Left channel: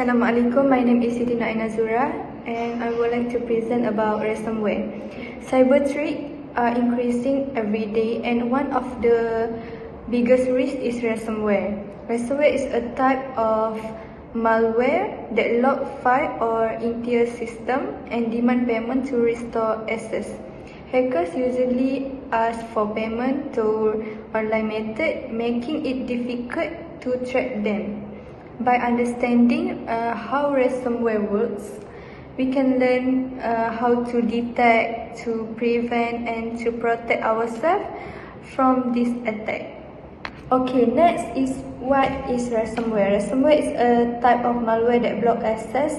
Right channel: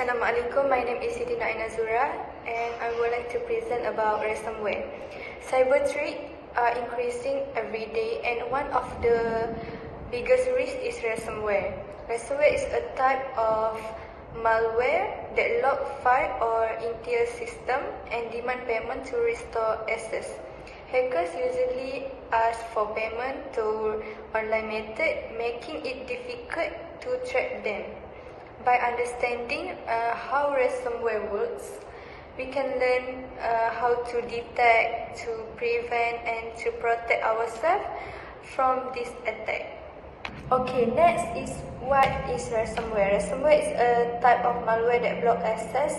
Assalamualaikum, my name is Siti Nainazura and I would like to present about ransomware. Cyber threats are increasing every day and one of the biggest risks is ransomware. Ransomware is a type of malware that lock file or entire system and demand payment to restore access. Hackers usually ask for payment through online method, making it difficult to track them. By understanding how ransomware works, we can learn how to detect, to prevent, and to protect ourselves from this attack. Okay, next is what is ransomware. Ransomware is a type of malware that blocks access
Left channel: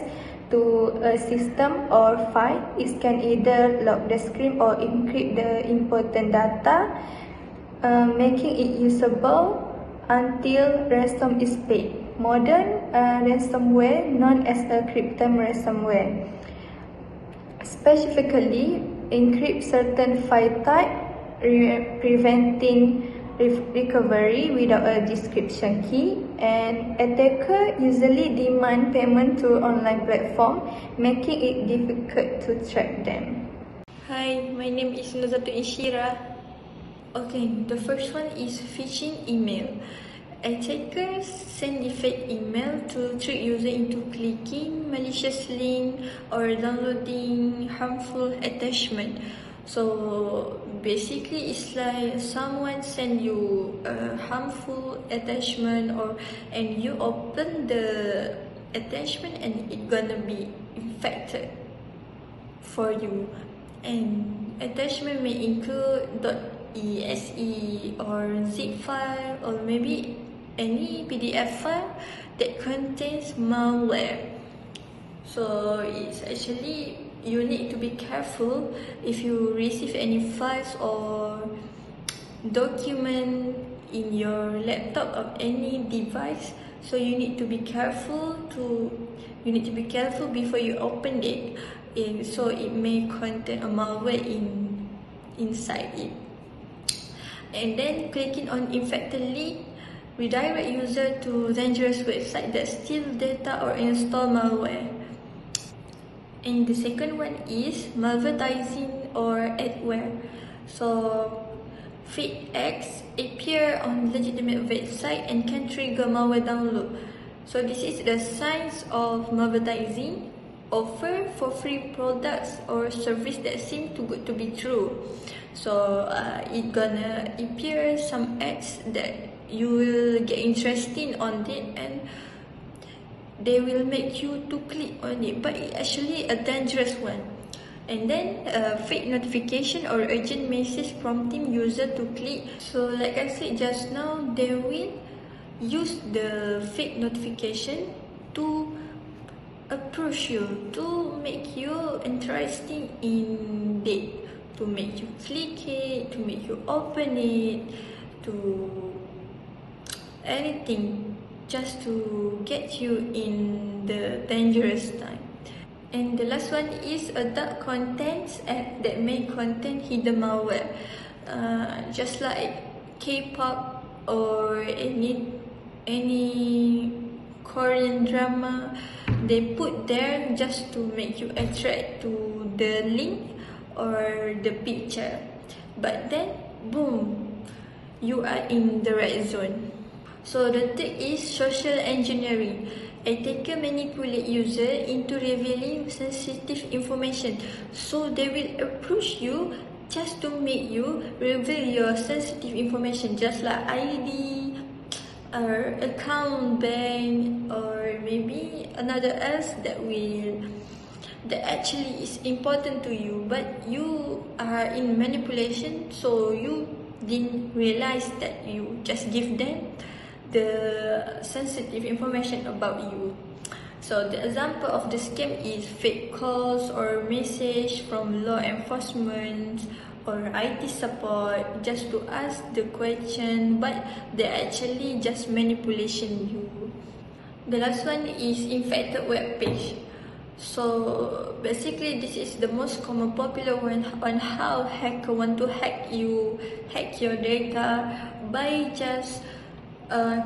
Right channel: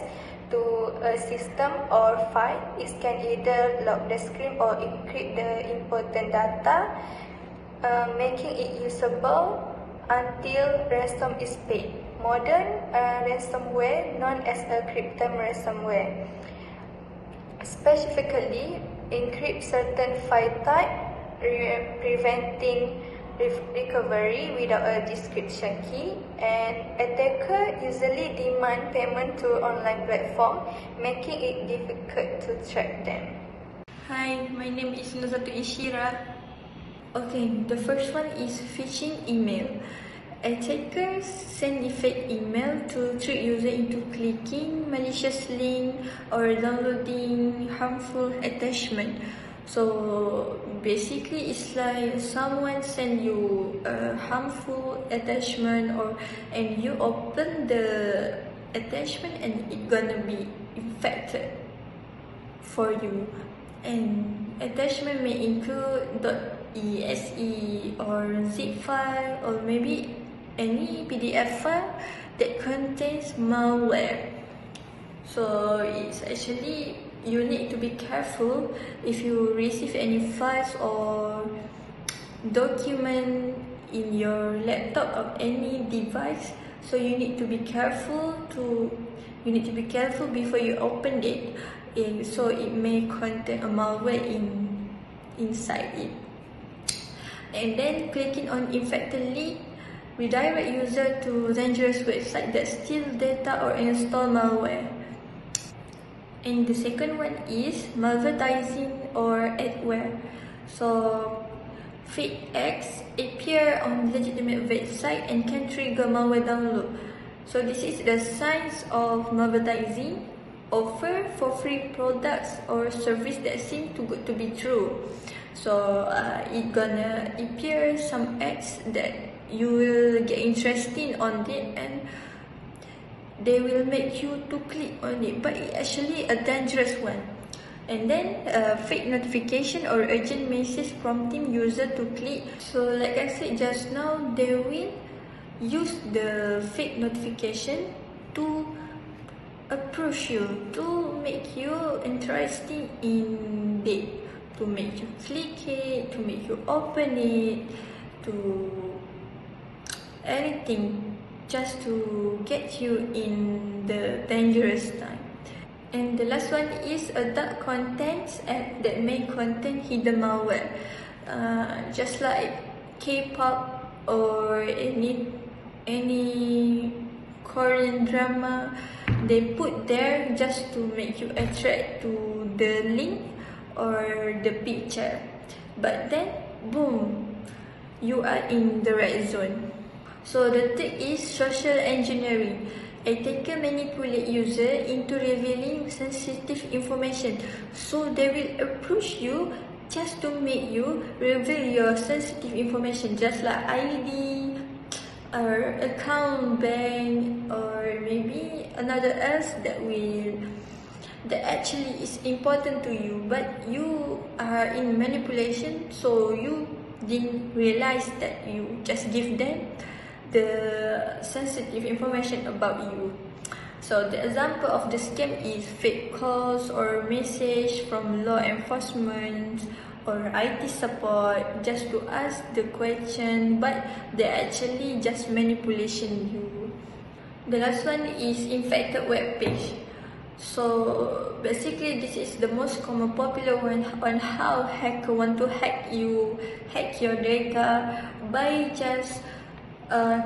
to a system or file. It can either lock the screen or encrypt the important data, making it usable until ransom is paid. Modern ransomware, known as the cryptome ransomware, specifically encrypt certain file type, preventing recovery without a description key, and attacker usually demand payment through online platform, making it difficult to track them. Hi, my name is Nuzatun Inshira. Okay, the first one is phishing email. Attackers send fake email to trick user into clicking malicious link or downloading harmful attachment. So basically, it's like someone send you a harmful attachment, and you open the attachment and it gonna be infected for you. And attachment may include .exe or zip file or maybe any PDF file that contains malware. So it's actually, you need to be careful if you receive any files or document in your laptop or any device. So you need to be careful before you open it, so it may contain a malware inside it. And then clicking on infected link redirect user to dangerous website that steal data or install malware. And the second one is malvertising or adware. So fake acts appear on legitimate website and can trigger malware download. So this is the signs of malvertising: offer for free products or service that seem too good to be true. So it gonna appear some ads that you will get interested on it and they will make you to click on it, but it's actually a dangerous one. And then fake notification or urgent message prompting user to click. So like I said just now, they will use the fake notification to approach you, to make you interested in it, to make you click it, to make you open it, to anything, just to get you in the dangerous time. And the last one is adult contents app that may contain hidden malware, just like K-pop or any Korean drama. They put there just to make you attract to the link or the picture, but then boom, you are in the right zone. So the third is social engineering. Attacker manipulate user into revealing sensitive information. So they will approach you just to make you reveal your sensitive information, just like ID or account, bank, or maybe another else that actually is important to you, but you are in manipulation, so you didn't realize that you just give them the sensitive information about you. So the example of the scam is fake calls or message from law enforcement or IT support just to ask the question, but they're actually just manipulation you. The last one is infected web page. So basically, this is the most common popular one on how hacker want to hack your data by just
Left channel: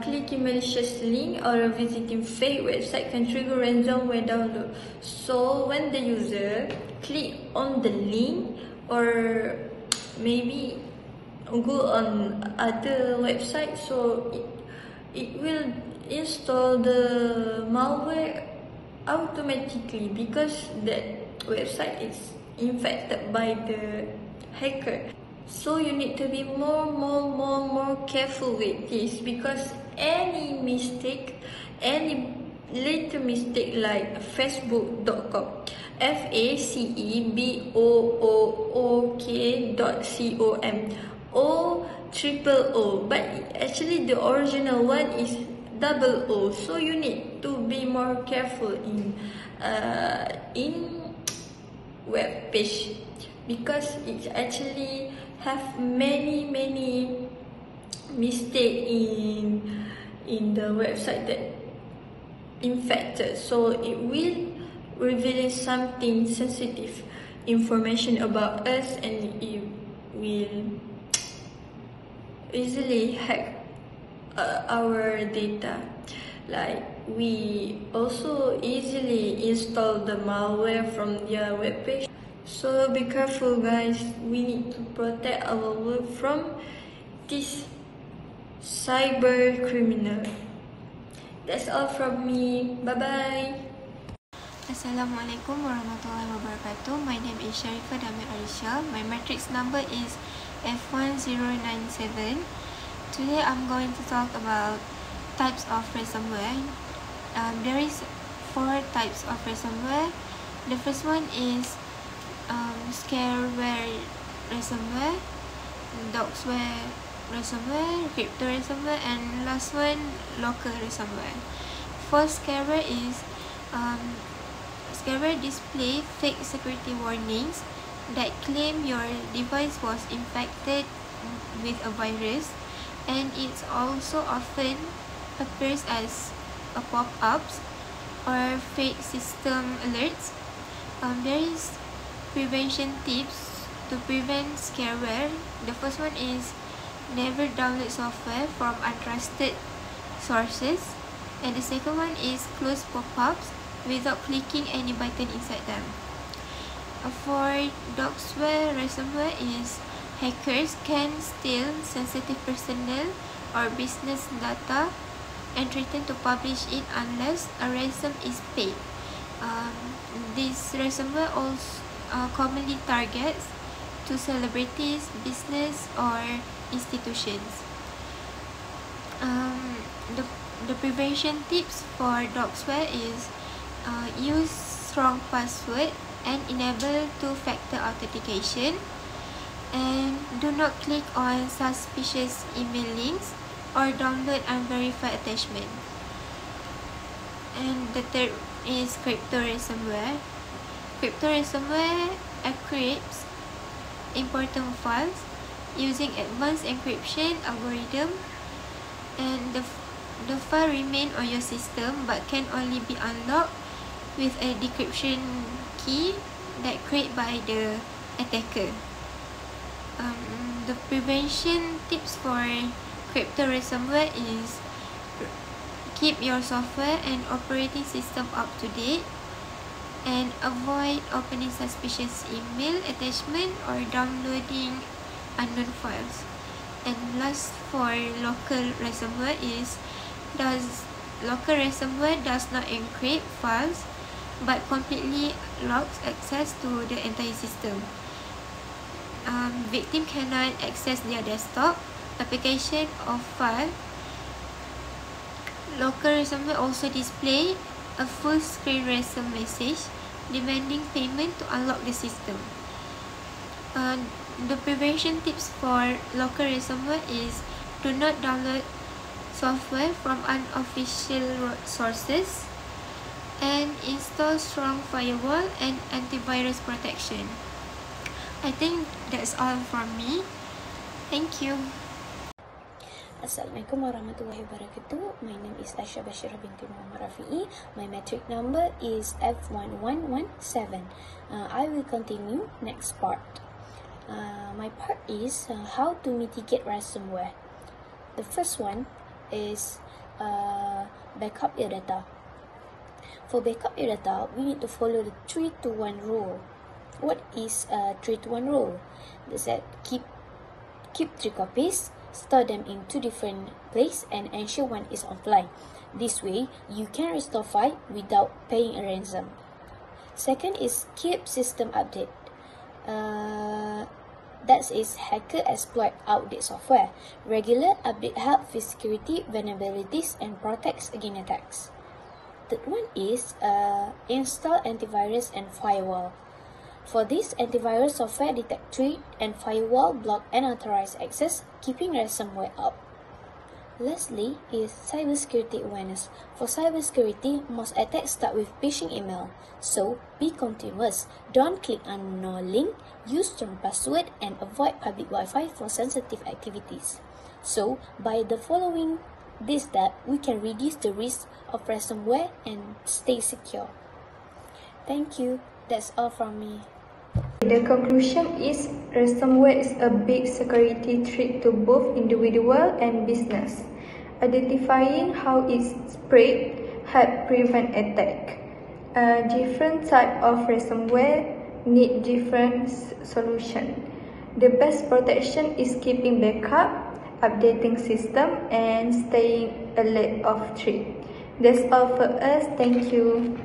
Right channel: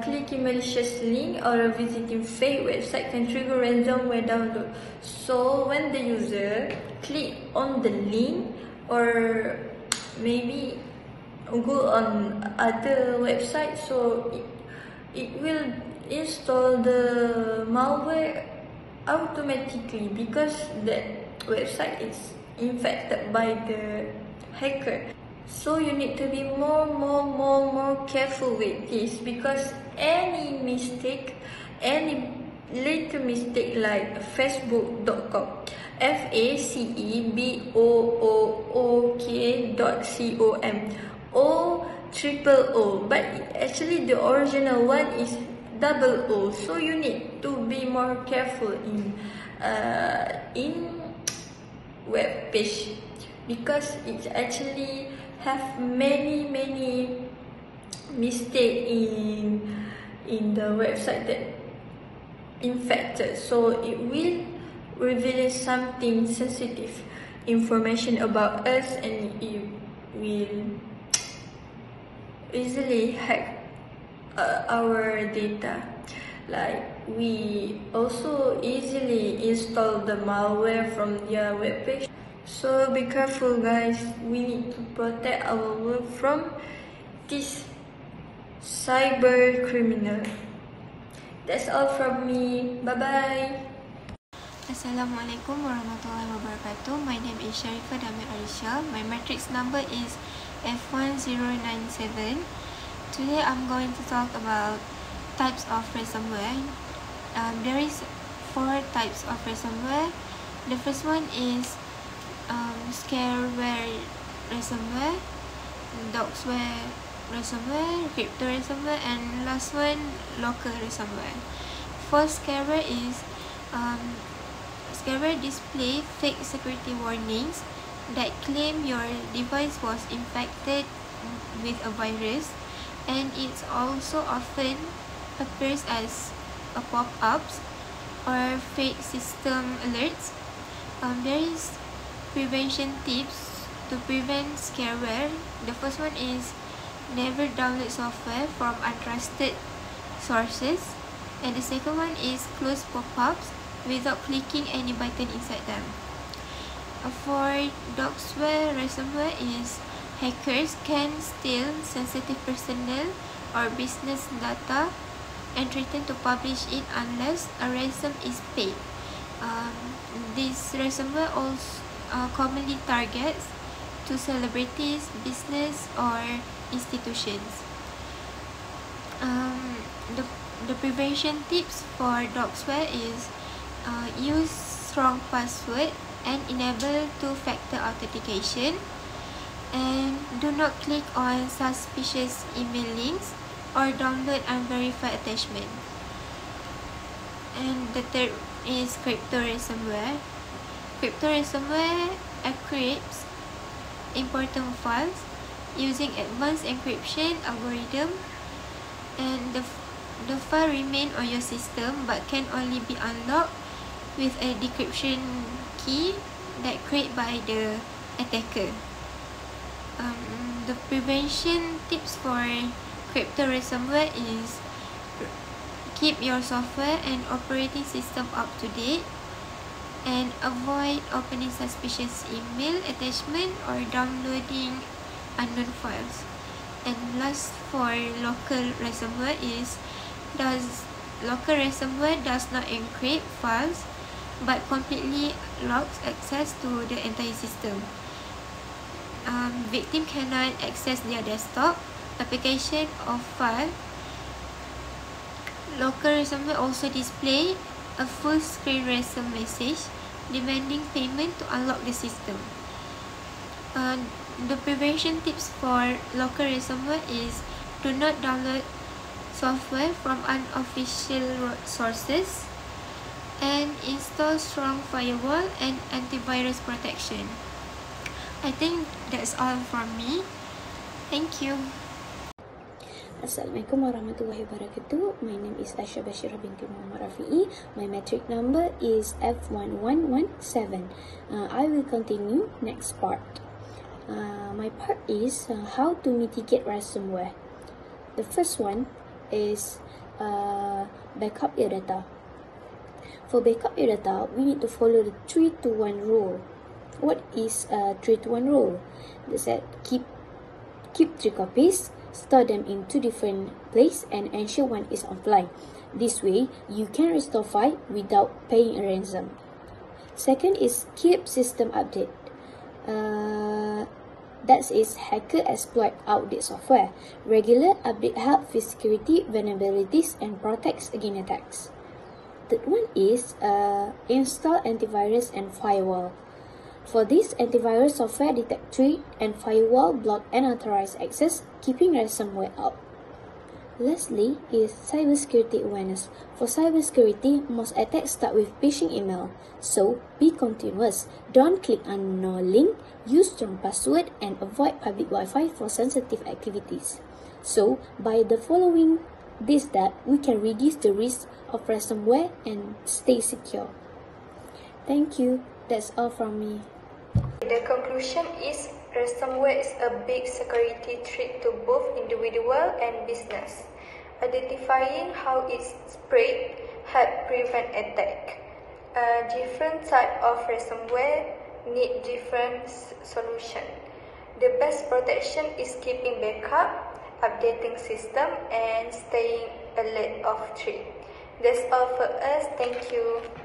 clicking malicious link or visiting fake website can trigger ransomware download. So when the user click on the link or maybe go on other website, so it will install the malware automatically because that website is infected by the hacker. So you need to be more careful with this, because any mistake, any little mistake like facebook.com, facebook.com, O triple O, but actually the original one is double O. So you need to be more careful in web page, because it actually have many mistake in the website that infected. So it will reveal something sensitive information about us, and it will easily hack our data. Like we also easily install the malware from their webpage. So be careful guys, we need to protect our world from this cyber criminal. That's all from me. Bye bye. Assalamualaikum warahmatullahi wabarakatuh. My name is Sharifah Damir Arisha. My matrix number is F1097. Today I'm going to talk about types of ransomware. There is 4 types of ransomware. The first one is scareware ransomware, doxware ransomware, crypto ransomware, and last one, local ransomware. For scareware is scareware display fake security warnings that claim your device was infected with a virus, and it also often appears as a pop-ups or fake system alerts. There is prevention tips to prevent scareware. The first one is never download software from untrusted sources, and the second one is close pop-ups without clicking any button inside them. For doxware ransomware is hackers can steal sensitive personal or business data and threaten to publish it unless a ransom is paid. This ransomware also commonly targets to celebrities, business, or institutions. The prevention tips for doxware is use strong password and enable two-factor authentication, and do not click on suspicious email links or download unverified attachment. And the third is crypto ransomware. Crypto ransomware encrypts important files using advanced encryption algorithm, and the file remain on your system but can only be unlocked with a decryption key that created by the attacker. The prevention tips for crypto ransomware is keep your software and operating system up to date, and avoid opening suspicious email attachment or downloading unknown files. And last, for local ransomware is local ransomware does not encrypt files but completely locks access to the entire system. Victim cannot access their desktop, application, or file. Local ransomware also display a full screen ransom message demanding payment to unlock the system. The prevention tips for local ransomware is do not download software from unofficial sources, and install strong firewall and antivirus protection. I think that's all from me. Thank you. Assalamualaikum warahmatullahi wabarakatuh. My name is Aisha Bashirah binti Muhammad Rafi'i. My metric number is F1117. I will continue next part. My part is how to mitigate ransomware. The first one is backup your data. For backup your data, we need to follow the 3-to-1 rule. What is a 3-to-1 rule? That's that keep 3 copies, store them in 2 different places, and ensure one is offline. This way, you can restore file without paying a ransom. Second is keep system update. That is hacker exploit outdated software. Regular update help with security vulnerabilities and protects against attacks. Third one is install antivirus and firewall. For this, antivirus software detect threat and firewall block unauthorized access, keeping ransomware out. Lastly is cybersecurity awareness. For cybersecurity, most attacks start with phishing email. So, be continuous. Don't click on no link, use strong password, and avoid public Wi-Fi for sensitive activities. So, by the following this step, we can reduce the risk of ransomware and stay secure. Thank you. That's all from me. The conclusion is ransomware is a big security threat to both individual and business. Identifying how it spread help prevent attack. Different type of ransomware need different solution. The best protection is keeping backup, updating system, and staying alert of threat. That's all for us. Thank you.